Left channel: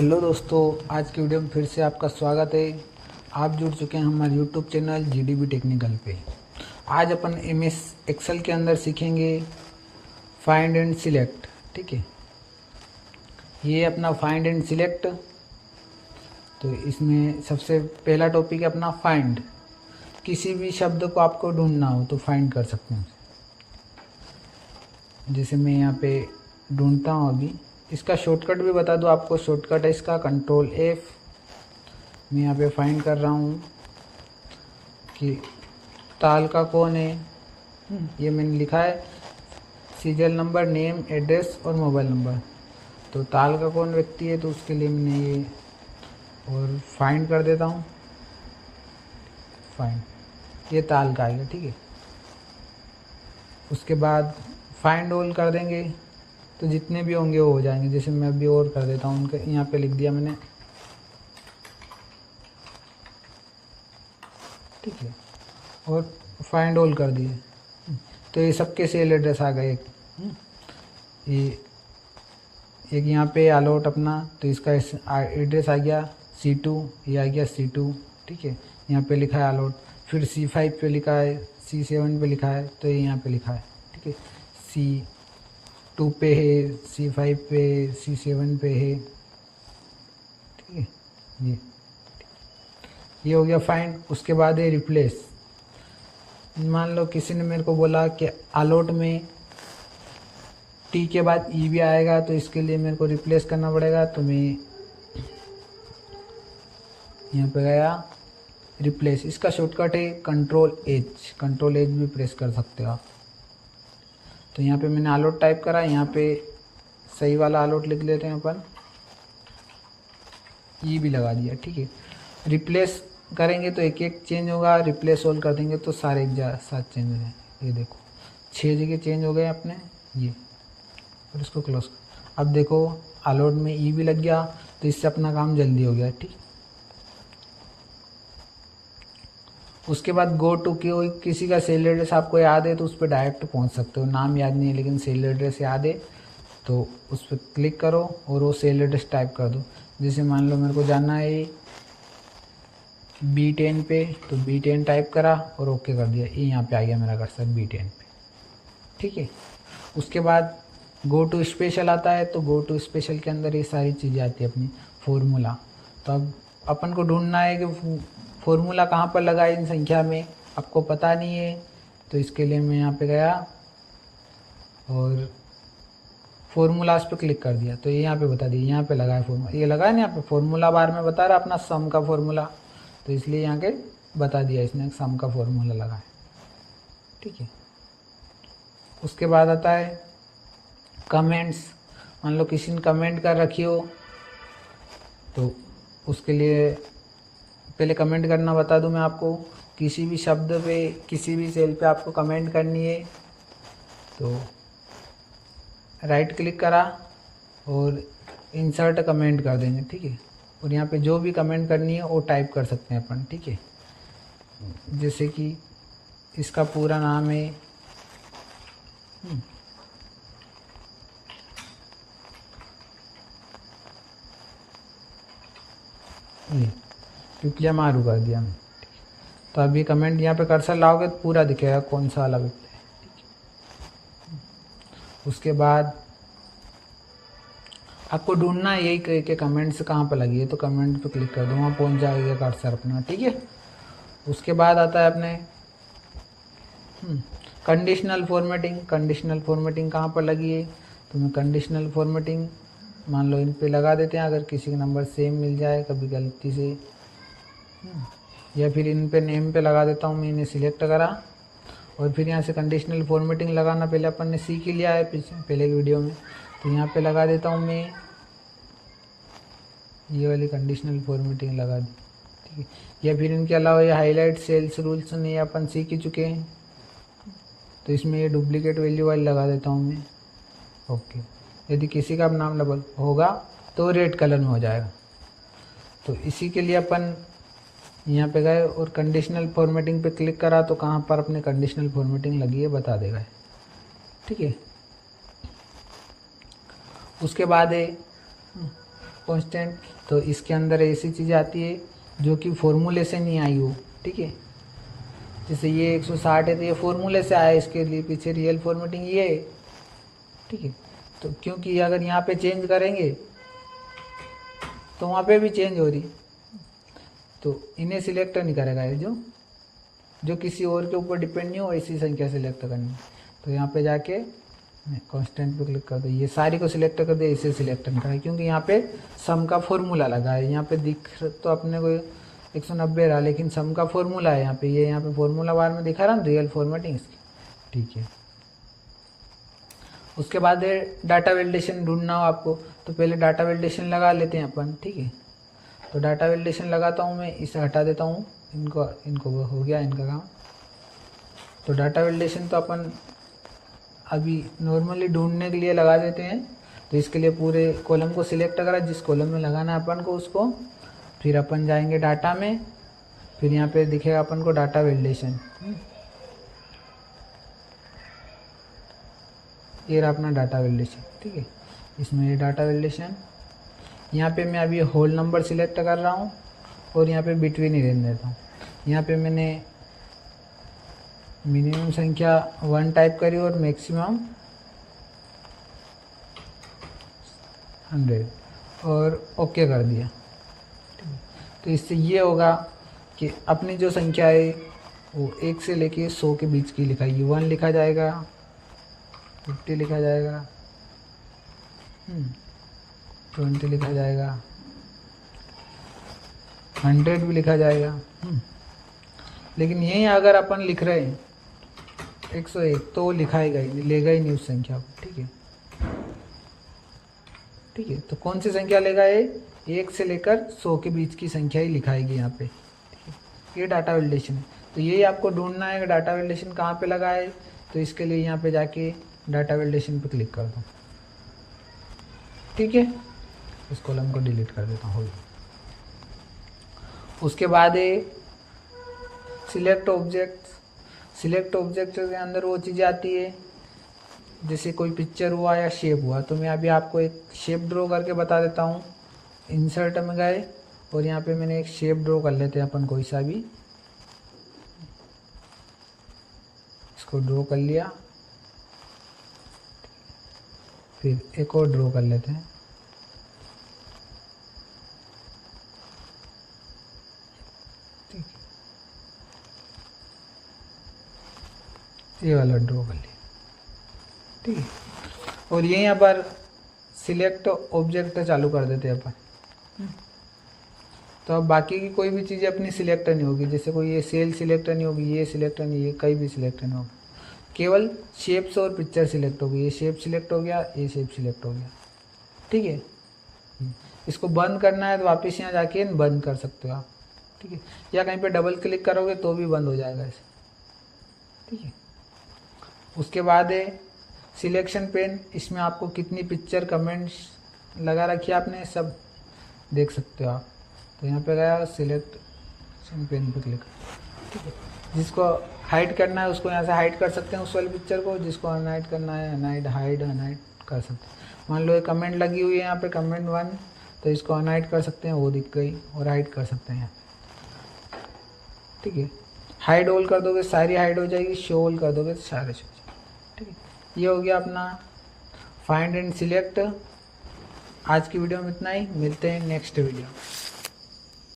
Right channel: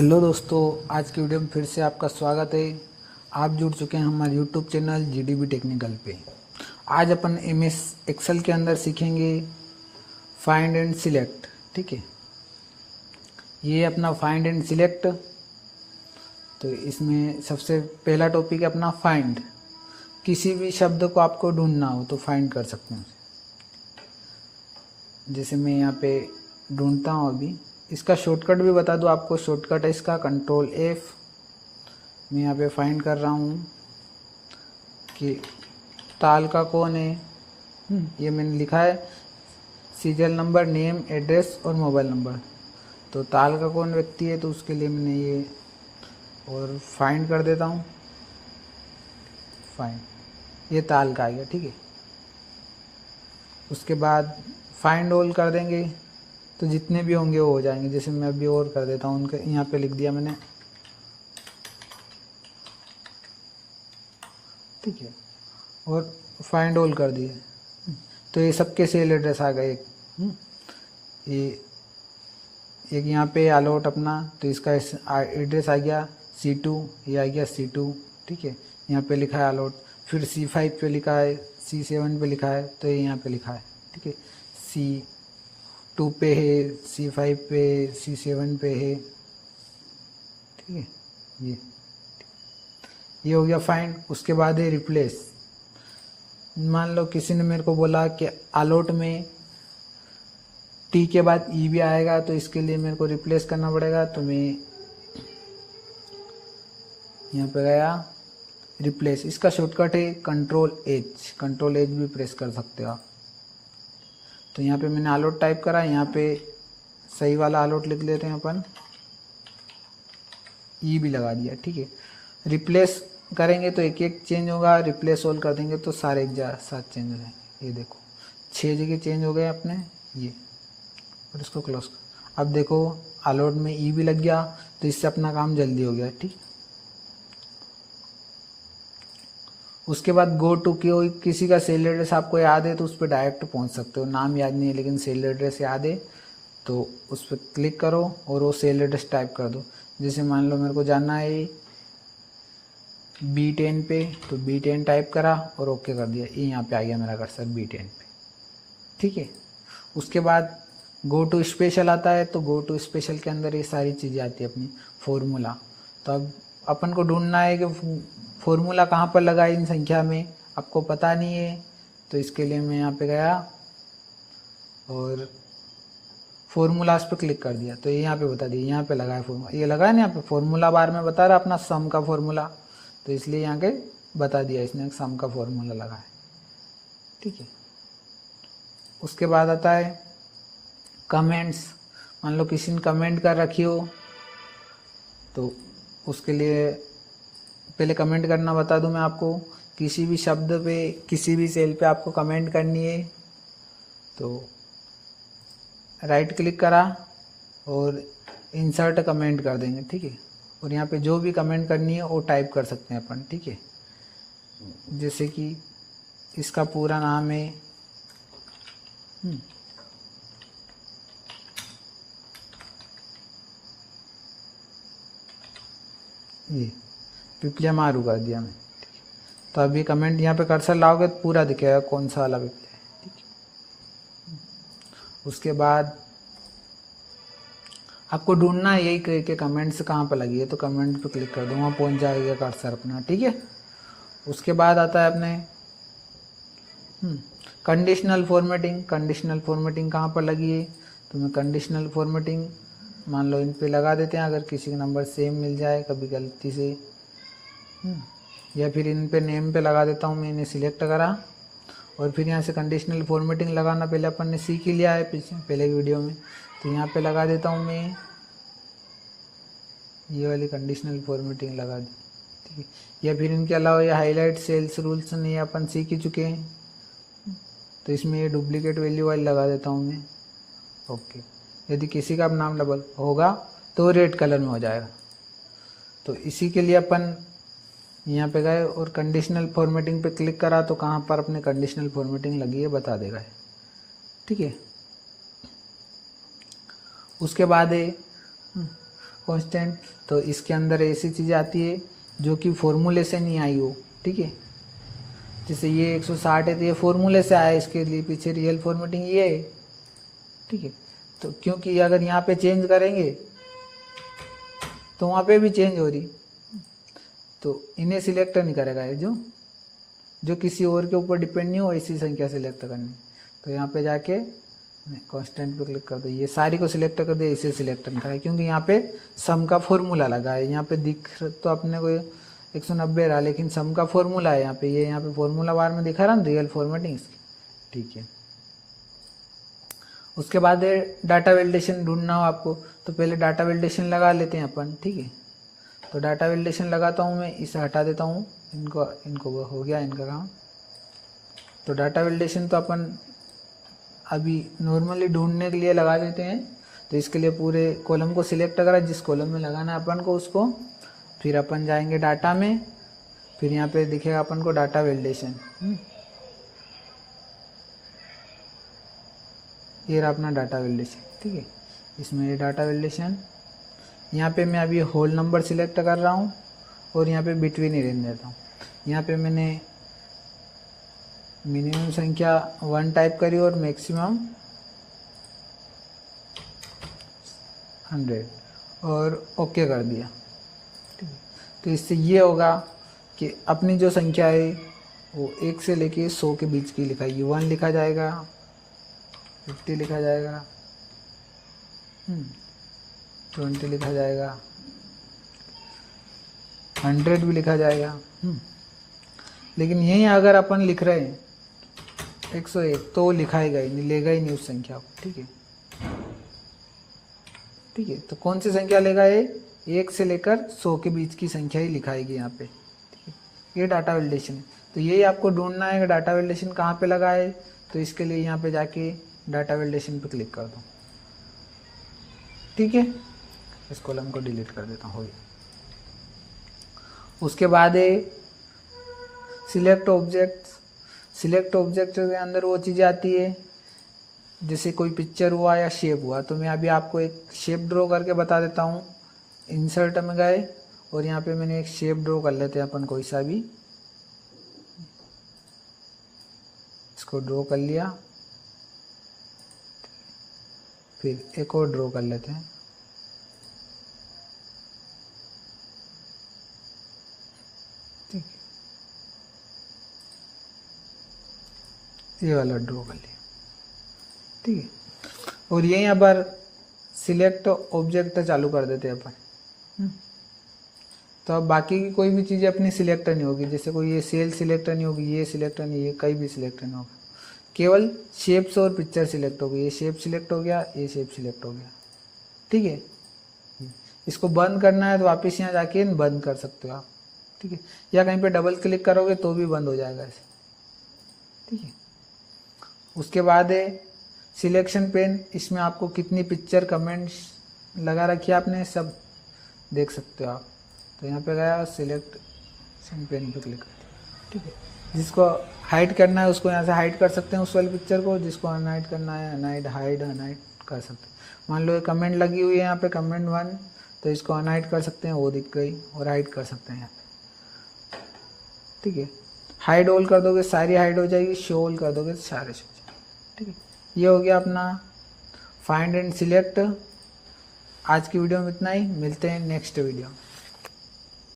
Hello दोस्तों, आज की वीडियो में फिर से आपका स्वागत है। आप जुड़ चुके हैं हमारे यूट्यूब चैनल जीडीबी टेक्निकल पे। आज अपन एमएस एक्सेल के अंदर सीखेंगे फाइंड एंड सिलेक्ट। ठीक है, ये अपना फाइंड एंड सिलेक्ट। तो इसमें सबसे पहला टॉपिक है अपना फाइंड। किसी भी शब्द को आपको ढूंढना हो तो फाइंड कर सकते हैं। जैसे मैं यहाँ पे ढूंढता हूँ अभी, इसका शॉर्टकट भी बता दूँ आपको। शॉर्टकट है इसका कंट्रोल F। मैं यहाँ पे फाइंड कर रहा हूँ कि ताल का कौन है। ये मैंने लिखा है सीरियल नंबर, नेम, एड्रेस और मोबाइल नंबर। तो ताल का कौन व्यक्ति है, तो उसके लिए मैंने ये और फाइंड कर देता हूँ। फाइंड, ये ताल का आएगा। ठीक है, उसके बाद फाइंड ऑल कर देंगे तो जितने भी होंगे वो हो जाएंगे। जैसे मैं अभी और कर देता हूँ, उनका यहाँ पे लिख दिया मैंने। ठीक है, और फाइंड ऑल कर दिए तो ये सबके सेल एड्रेस आ गए। ये एक यहाँ पे अलॉट अपना, तो इसका एड्रेस आ गया C2, ये आ गया C2। ठीक है, यहाँ पे लिखा है अलॉट। फिर C5 पे लिखा है, C7 पे लिखा है, तो ये यहाँ पे लिखा है। ठीक है, C2 पे है, C5 पे, C7 पे है। ठीक है, ये हो गया फाइंड। उसके बाद है रिप्लेस। मान लो किसी ने मेरे को बोला कि अलॉट में T के बाद E भी आएगा, तो इसके लिए मेरे को रिप्लेस करना पड़ेगा। तो मैं यहाँ पे गया रिप्लेस। इसका शॉर्टकट है कंट्रोल H। कंट्रोल H भी प्रेस कर सकते हो आप। तो यहाँ पे मैंने अलॉट टाइप करा, यहाँ पे सही वाला अलॉट लिख लेते हैं अपन, E भी लगा दिया। ठीक है, रिप्लेस करेंगे तो एक एक चेंज होगा, रिप्लेस ऑल कर देंगे तो सारे एक साथ चेंज हो जाएंगे। ये देखो 6 जगह चेंज हो गए अपने ये, और इसको क्लोज। अब देखो अलॉट में E भी लग गया, तो इससे अपना काम जल्दी हो गया। ठीक, उसके बाद गो टू किसी का सेल एड्रेस आपको याद है तो उस पर डायरेक्ट पहुंच सकते हो। नाम याद नहीं है लेकिन सेल एड्रेस याद है, तो उस पर क्लिक करो और वो सेल एड्रेस टाइप कर दो। जैसे मान लो मेरे को जाना है B10 पे, तो B10 टाइप करा और ओके कर दिया। ये यहाँ पे आ गया मेरा कर्सर B10 पे। ठीक है, उसके बाद गो टू स्पेशल आता है, तो गो टू स्पेशल के अंदर ये सारी चीज़ें आती है अपनी फॉर्मूला। तो अब अपन को ढूंढना है कि फॉर्मूला कहाँ पर लगा है इन संख्या में, आपको पता नहीं है। तो इसके लिए मैं यहाँ पे गया और फॉर्मूलाज पे क्लिक कर दिया, तो ये यहाँ पे बता दिया, यहाँ पे लगा है फॉर्मूला। ये लगा है ना यहाँ पे फॉर्मूला बार में बता रहा अपना सम का फॉर्मूला, तो इसलिए यहाँ के बता दिया इसने सम का फॉर्मूला लगा है। ठीक है, उसके बाद आता है कमेंट्स। मान लो किसी ने कमेंट कर रखी हो, तो उसके लिए पहले कमेंट करना बता दूं मैं आपको। किसी भी शब्द पे, किसी भी सेल पे आपको कमेंट करनी है तो राइट क्लिक करा और इंसर्ट कमेंट कर देंगे। ठीक है, और यहाँ पे जो भी कमेंट करनी है वो टाइप कर सकते हैं अपन। ठीक है, जैसे कि इसका पूरा नाम है ये पिपलिया मारू कर दिया मैं। तो अभी कमेंट यहाँ पे कर्सर लाओगे तो पूरा दिखेगा कौन सा वाला पिपलिया है। ठीक है, उसके बाद आपको ढूंढना है यही कि कमेंट्स कहाँ पर लगी है, तो कमेंट पे क्लिक कर दो, वहाँ पहुँच जाएगा कर्सर अपना। ठीक है, उसके बाद आता है अपने कंडीशनल फॉर्मेटिंग। कंडीशनल फॉर्मेटिंग कहाँ पर लगी है, तो मैं कंडीशनल फॉर्मेटिंग मान लो इन पे लगा देते हैं। अगर किसी का नंबर सेम मिल जाए कभी गलती से, या फिर इन पे नेम पे लगा देता हूँ। मैं इन्हें सिलेक्ट करा और फिर यहाँ से कंडीशनल फॉर्मेटिंग लगाना पहले अपन ने सीख ही लिया है पहले वीडियो में, तो यहाँ पे लगा देता हूँ मैं ये वाली कंडीशनल फॉर्मेटिंग लगा दी। ठीक है, या फिर इनके अलावा ये हाईलाइट सेल्स रूल्स नहीं अपन सीख ही चुके हैं, तो इसमें ये डुप्लीकेट वैल्यू वाली लगा देता हूँ मैं। ओके, यदि किसी का नाम डबल होगा तो रेड कलर में हो जाएगा। तो इसी के लिए अपन यहाँ पे गए और कंडीशनल फॉर्मेटिंग पे क्लिक करा, तो कहाँ पर अपने कंडीशनल फॉर्मेटिंग लगी है बता देगा। ठीक है, उसके बाद है कांस्टेंट, तो इसके अंदर ऐसी चीज़ आती है जो कि फॉर्मूले से नहीं आई हो, ठीक है। जैसे ये 160 है तो ये फॉर्मूले से आया, इसके लिए पीछे रियल फॉर्मेटिंग ये है, ठीक है। तो क्योंकि अगर यहाँ पे चेंज करेंगे तो वहाँ पे भी चेंज हो रही, तो इन्हें सिलेक्ट नहीं करेगा ये, जो किसी और के ऊपर डिपेंड नहीं हो ऐसी संख्या सिलेक्ट करनी। तो यहाँ पे जाके कांस्टेंट पे क्लिक कर दो, ये सारी को सिलेक्ट कर दे, इसे सिलेक्ट नहीं करें क्योंकि यहाँ पे सम का फॉर्मूला लगा है। यहाँ पे दिख तो अपने को 190 रहा, लेकिन सम का फॉर्मूला है यहाँ पे, ये यहाँ पे फॉर्मूला बार में दिखा रहा हूँ रियल फॉर्मेटिंग इसकी, ठीक है। उसके बाद डाटा वैलिडेशन ढूंढना हो आपको, तो पहले डाटा वैलिडेशन लगा लेते हैं अपन, ठीक है। तो डाटा वैलिडेशन लगाता हूँ मैं, इसे हटा देता हूँ, इनको वो हो गया इनका काम। तो डाटा वैलिडेशन तो अपन अभी नॉर्मली ढूंढने के लिए लगा देते हैं। तो इसके लिए पूरे कॉलम को सिलेक्ट करा, जिस कॉलम में लगाना है अपन को उसको, फिर अपन जाएंगे डाटा में, फिर यहाँ पे दिखेगा अपन को डाटा वैलिडेशन, ये रहा अपना डाटा वैलिडेशन, ठीक है। इसमें ये डाटा वैलिडेशन, यहाँ पे मैं अभी होल नंबर सिलेक्ट कर रहा हूँ और यहाँ पे बिटवीन ही रहने देता हूँ। यहाँ पे मैंने मिनिमम संख्या 1 टाइप करी और मैक्सिमम 100 और ओके कर दिया, ठीक है। तो इससे ये होगा कि अपनी जो संख्या है वो 1 से लेके 100 के बीच की लिखाएगी। 1 लिखा जाएगा, 50 लिखा जाएगा, 20 लिखा जाएगा, 100 भी लिखा जाएगा। लेकिन यही अगर अपन लिख रहे हैं 101 तो लिखाएगा ही नहीं, लेगा ही नहीं उस संख्या को, ठीक है, ठीक है। तो कौन सी संख्या लेगा ये, 1 से लेकर 100 के बीच की संख्या ही लिखाएगी यहाँ पे, ठीक है। ये डाटा वैलिडेशन है। तो यही आपको ढूंढना है डाटा वैलिडेशन कहाँ पे लगा है। तो इसके लिए यहाँ पे जाके डाटा वैलिडेशन पे क्लिक कर दो, ठीक है। इस कॉलम को डिलीट कर देता हूँ। उसके बाद है सिलेक्ट ऑब्जेक्ट। सिलेक्ट ऑब्जेक्ट के अंदर वो चीज़ें आती है जैसे कोई पिक्चर हुआ या शेप हुआ। तो मैं अभी आपको एक शेप ड्रॉ करके बता देता हूँ। इंसर्ट में गए और यहाँ पे मैंने एक शेप ड्रॉ कर लेते हैं अपन कोई सा भी, इसको ड्रॉ कर लिया। फिर एक और ड्रॉ कर लेते हैं, ठीक, ये वाला ड्रॉ कर लिया, ठीक है। और यहीं यहाँ पर सिलेक्ट ऑब्जेक्ट चालू कर देते हैं अपन। तो अब बाकी की कोई भी चीज़ें अपनी सिलेक्ट नहीं होगी, जैसे कोई ये सेल सिलेक्ट नहीं होगी, ये सिलेक्ट नहीं, ये कहीं भी सिलेक्ट नहीं होगी, केवल शेप्स और पिक्चर सिलेक्ट होगी। ये शेप सिलेक्ट हो गया, ये शेप सिलेक्ट हो गया, ठीक है। इसको बंद करना है तो वापस यहाँ जाके बंद कर सकते हो आप, ठीक है, या कहीं पे डबल क्लिक करोगे तो भी बंद हो जाएगा ऐसे, ठीक है। उसके बाद है सिलेक्शन पेन। इसमें आपको कितनी पिक्चर कमेंट्स लगा रखी है आपने सब देख सकते हो आप। तो यहाँ पे गया सिलेक्शन पेन पे क्लिक, ठीक है। जिसको हाइड करना है उसको यहाँ से हाइड कर सकते हैं उस वाली पिक्चर को, जिसको अनहाइड करना है अनहाइड कर सकते हैं। मान लो ये कमेंट लगी हुई है यहाँ पे कमेंट 1, तो इसको अनहाइड कर सकते हैं, वो दिख गई, और हाइड कर सकते हैं यहाँ पे, ठीक है। हाइड ऑल कर दोगे सारी हाइड हो जाएगी, शो ऑल कर दोगे तो सारे शो, ठीक है। ये हो गया अपना फाइंड एंड सिलेक्ट। आज की वीडियो में इतना ही, मिलते हैं नेक्स्ट वीडियो।